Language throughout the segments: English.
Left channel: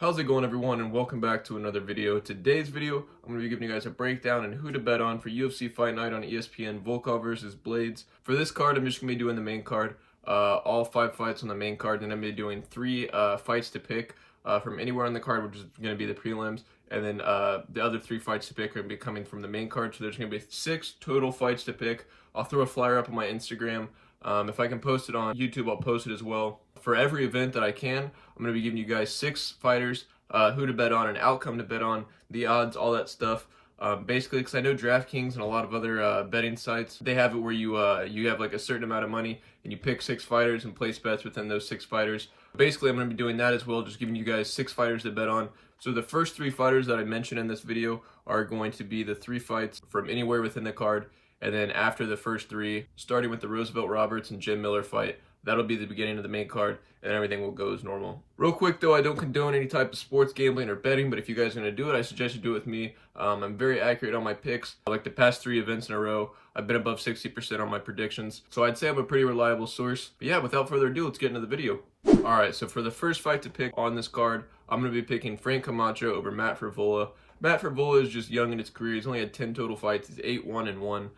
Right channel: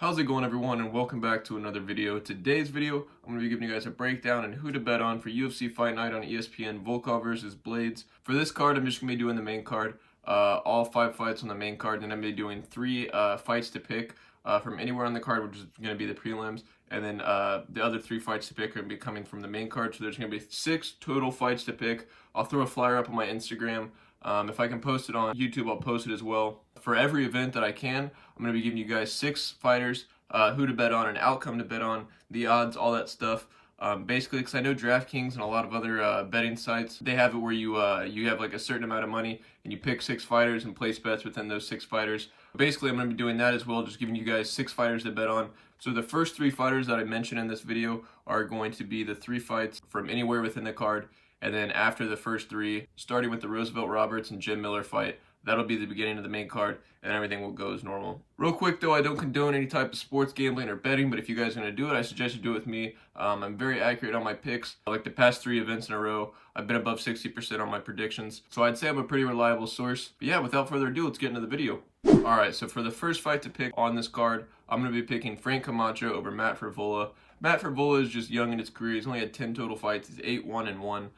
How's it going, everyone, and welcome back to another video. Today's video, I'm going to be giving you guys a breakdown on who to bet on for UFC Fight Night on ESPN, Volkov versus Blaydes. For this card, I'm just going to be doing the main card, all 5 fights on the main card, and I'm going to be doing 3 fights to pick from anywhere on the card, which is going to be the prelims, and then the other 3 fights to pick are going to be coming from the main card, so there's going to be 6 total fights to pick. I'll throw a flyer up on my Instagram. If I can post it on YouTube, I'll post it as well. For every event that I can, I'm going to be giving you guys 6 fighters, who to bet on, an outcome to bet on, the odds, all that stuff. Basically, because I know DraftKings and a lot of other betting sites, they have it where you have like a certain amount of money and you pick 6 fighters and place bets within those 6 fighters. Basically, I'm going to be doing that as well, just giving you guys 6 fighters to bet on. So the first 3 fighters that I mentioned in this video are going to be the 3 fights from anywhere within the card. And then after the first 3, starting with the Roosevelt Roberts and Jim Miller fight, that'll be the beginning of the main card, and everything will go as normal. Real quick though, I don't condone any type of sports gambling or betting, but if you guys are going to do it, I suggest you do it with me. I'm very accurate on my picks. Like the past 3 events in a row, I've been above 60% on my predictions. So I'd say I'm a pretty reliable source. But yeah, without further ado, let's get into the video. Alright, so for the first fight to pick on this card, I'm going to be picking Frank Camacho over Matt Frevola. Matt Frevola is just young in his career. He's only had 10 total fights. He's 8-1-1.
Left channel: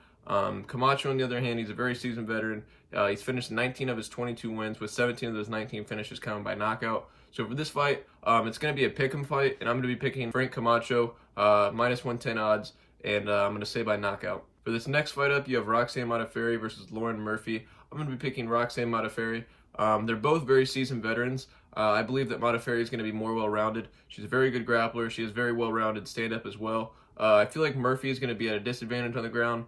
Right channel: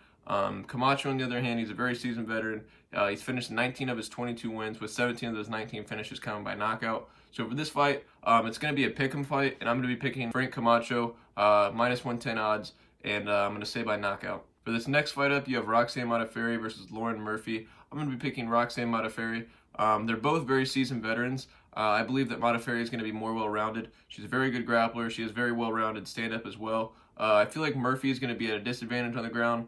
Camacho, on the other hand, he's a very seasoned veteran. He's finished 19 of his 22 wins, with 17 of those 19 finishes coming by knockout. So for this fight, it's going to be a pick'em fight, and I'm going to be picking Frank Camacho, minus 110 odds, and I'm going to say by knockout. For this next fight up, you have Roxanne Modafferi versus Lauren Murphy. I'm going to be picking Roxanne Modafferi. They're both very seasoned veterans. I believe that Modafferi is going to be more well-rounded. She's a very good grappler. She has very well-rounded stand-up as well. I feel like Murphy is going to be at a disadvantage on the ground.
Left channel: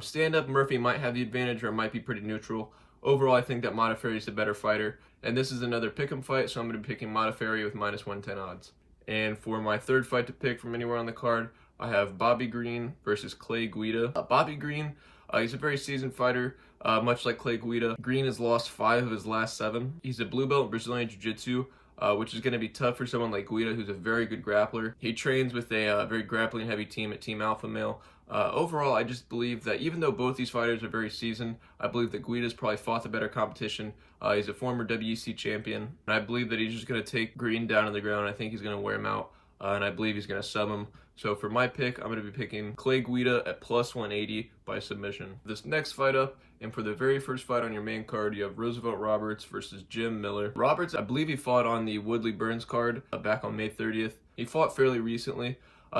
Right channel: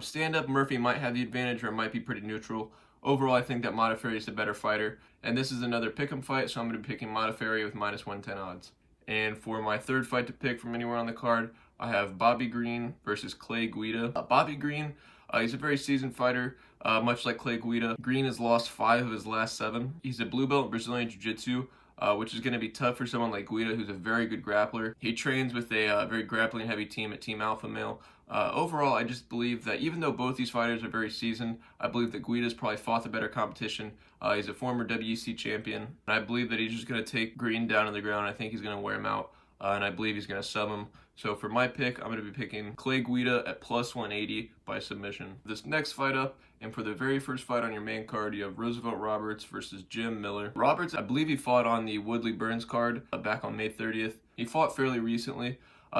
Stand-up, Murphy might have the advantage, or it might be pretty neutral. Overall, I think that Modafferi is the better fighter. And this is another pick'em fight, so I'm going to be picking Modafferi with minus 110 odds. And for my third fight to pick from anywhere on the card, I have Bobby Green versus Clay Guida. Bobby Green, he's a very seasoned fighter, much like Clay Guida. Green has lost 5 of his last 7. He's a blue belt in Brazilian Jiu-Jitsu, which is going to be tough for someone like Guida, who's a very good grappler. He trains with a very grappling-heavy team at Team Alpha Male. Overall, I just believe that even though both these fighters are very seasoned, I believe that Guida's probably fought the better competition. He's a former WEC champion, and I believe that he's just going to take Green down on the ground. I think he's going to wear him out, and I believe he's going to sub him. So for my pick, I'm going to be picking Clay Guida at plus 180 by submission. This next fight up, and for the very first fight on your main card, you have Roosevelt Roberts versus Jim Miller. Roberts, I believe he fought on the Woodley Burns card back on May 30th. He fought fairly recently.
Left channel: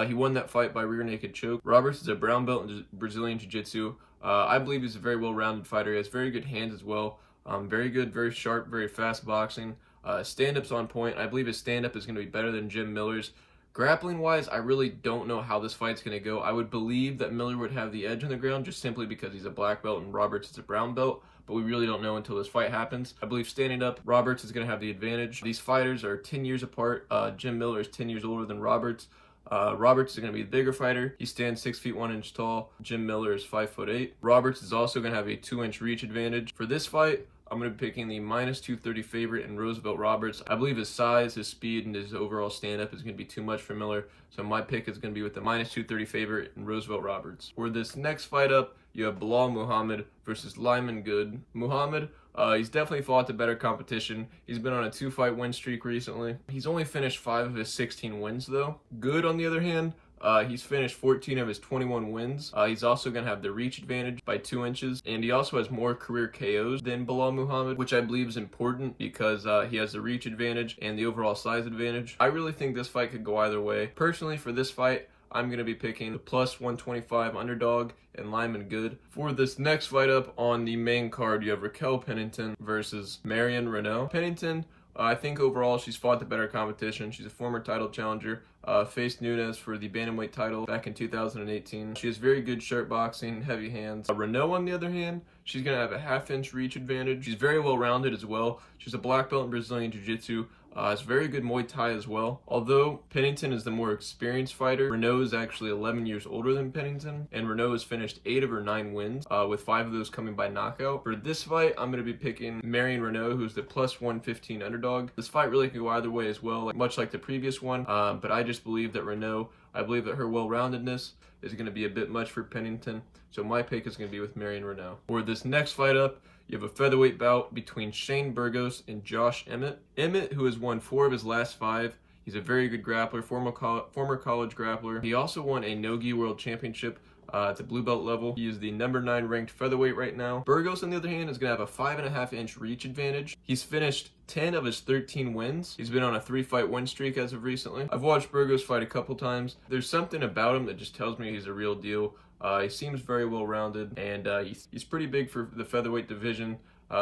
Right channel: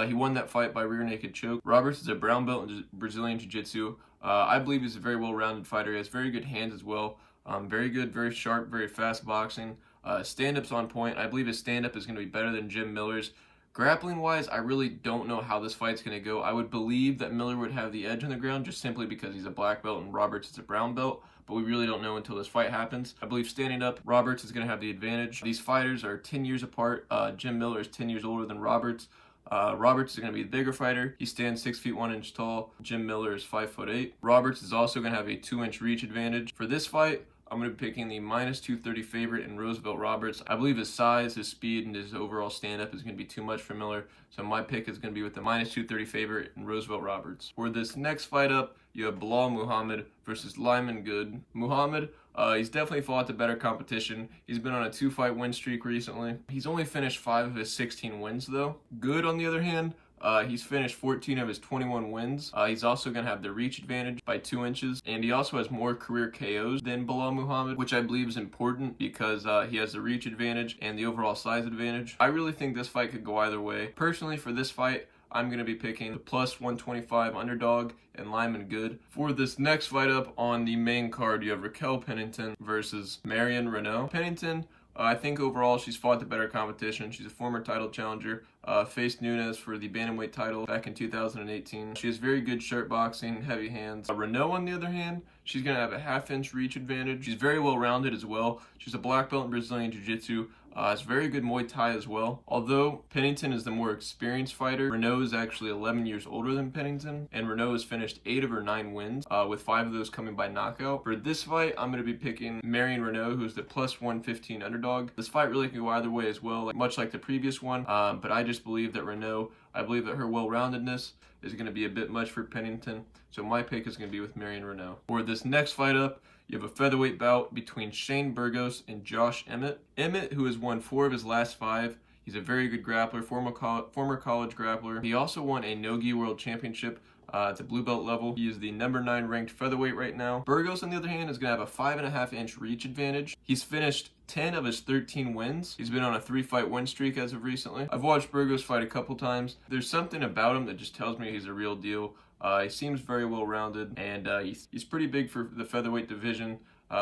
He won that fight by rear naked choke. Roberts is a brown belt in Brazilian Jiu-Jitsu. I believe he's a very well-rounded fighter. He has very good hands as well. Very good, very sharp, very fast boxing. Stand-up's on point. I believe his stand-up is going to be better than Jim Miller's. Grappling-wise, I really don't know how this fight's going to go. I would believe that Miller would have the edge on the ground just simply because he's a black belt and Roberts is a brown belt, but we really don't know until this fight happens. I believe standing up, Roberts is going to have the advantage. These fighters are 10 years apart. Jim Miller is 10 years older than Roberts. Roberts is going to be the bigger fighter. He stands 6 feet 1 inch tall. Jim Miller is 5'8". Roberts is also going to have a 2-inch reach advantage. For this fight, I'm going to be picking the minus 230 favorite in Roosevelt Roberts. I believe his size, his speed, and his overall stand-up is going to be too much for Miller, so my pick is going to be with the minus 230 favorite in Roosevelt Roberts. For this next fight up, you have Bilal Muhammad versus Lyman Good. Muhammad, he's definitely fought the better competition. He's been on a 2-fight win streak recently. He's only finished 5 of his 16 wins though. Good, on the other hand, he's finished 14 of his 21 wins. He's also going to have the reach advantage by 2 inches, and he also has more career KOs than Bilal Muhammad, which I believe is important because he has the reach advantage and the overall size advantage. I really think this fight could go either way. Personally, for this fight, I'm going to be picking the plus 125 underdog and Lyman Good. For this next fight up on the main card, you have Raquel Pennington versus Marion Renault. Pennington, I think overall she's fought the better competition. She's a former title challenger, faced Nunes for the bantamweight title back in 2018. She has very good sharp boxing, heavy hands. Renault, on the other hand, she's going to have a 1/2-inch reach advantage. She's very well-rounded as well. She's a black belt in Brazilian Jiu-Jitsu. Has very good Muay Thai as well. Although Pennington is the more experienced fighter, Renault is actually 11 years older than Pennington, and Renault has finished 8 of her 9 wins, with 5 of those coming by knockout. For this fight, I'm going to be picking Marion Renault, who's the plus 115 underdog. This fight really can go either way as well, much like the previous one, but I just believe that Renault, I believe that her well-roundedness is going to be a bit much for Pennington, so my pick is going to be with Marion Renault. For this next fight up, you have a featherweight bout between Shane Burgos and Josh Emmett. Emmett, who has won 4 of his last 5, He's a very good grappler, former college grappler. He also won a no-gi world championship at the blue belt level. He is the number 9 ranked featherweight right now. Burgos, on the other hand, is going to have a 5.5-inch reach advantage. He's finished 10 of his 13 wins. He's been on a 3-fight win streak as of recently. I've watched Burgos fight a couple times. There's something about him that just tells me he's a real deal. He seems very well-rounded, and he's pretty big for the featherweight division.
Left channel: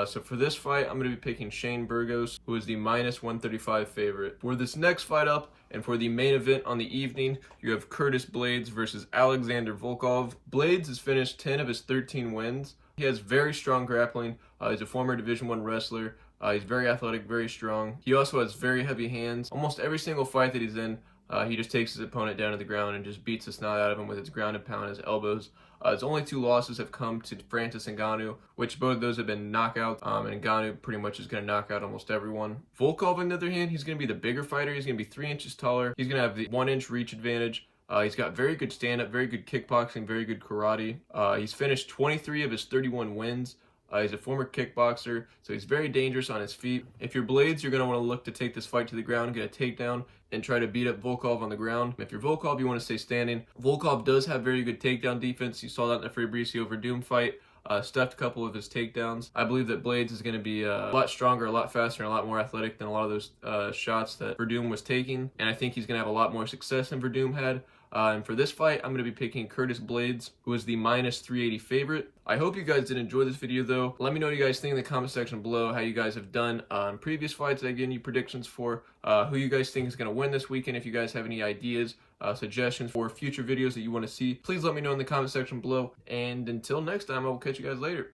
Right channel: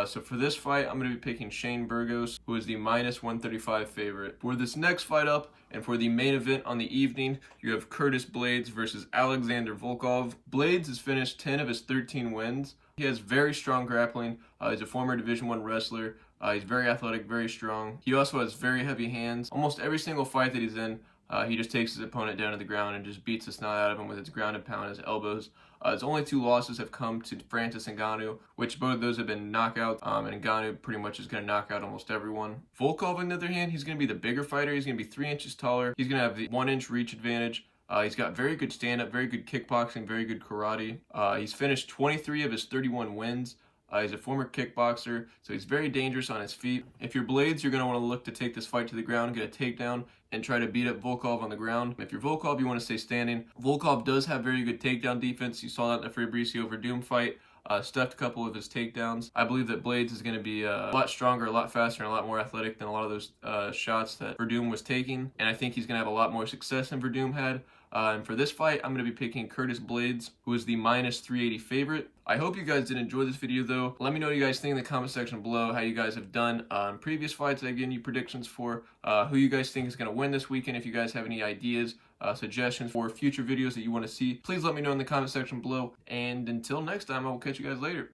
So for this fight, I'm going to be picking Shane Burgos, who is the -135 favorite. For this next fight up, and for the main event on the evening, you have Curtis Blaydes versus Alexander Volkov. Blaydes has finished 10 of his 13 wins. He has very strong grappling. He's a former Division I wrestler. He's very athletic, very strong. He also has very heavy hands. Almost every single fight that he's in, he just takes his opponent down to the ground and just beats the snot out of him with his ground and pound, his elbows. His only 2 losses have come to Francis Ngannou, which both of those have been knockouts, and Ngannou pretty much is going to knock out almost everyone. Volkov, on the other hand, he's going to be the bigger fighter. He's going to be 3 inches taller. He's going to have the 1-inch reach advantage. He's got very good stand-up, very good kickboxing, very good karate. He's finished 23 of his 31 wins. He's a former kickboxer, so he's very dangerous on his feet. If you're Blaydes, you're going to want to look to take this fight to the ground, get a takedown, and try to beat up Volkov on the ground. If you're Volkov, you want to stay standing. Volkov does have very good takedown defense. You saw that in the Fabricio Verdum fight. Stuffed a couple of his takedowns. I believe that Blaydes is going to be a lot stronger, a lot faster, and a lot more athletic than a lot of those shots that Verdum was taking. And I think he's going to have a lot more success than Verdum had. And for this fight, I'm going to be picking Curtis Blaydes, who is the -380 favorite. I hope you guys did enjoy this video, though. Let me know what you guys think in the comment section below, how you guys have done on previous fights that I've given you predictions for, who you guys think is going to win this weekend. If you guys have any ideas, suggestions for future videos that you want to see, please let me know in the comment section below. And until next time, I will catch you guys later.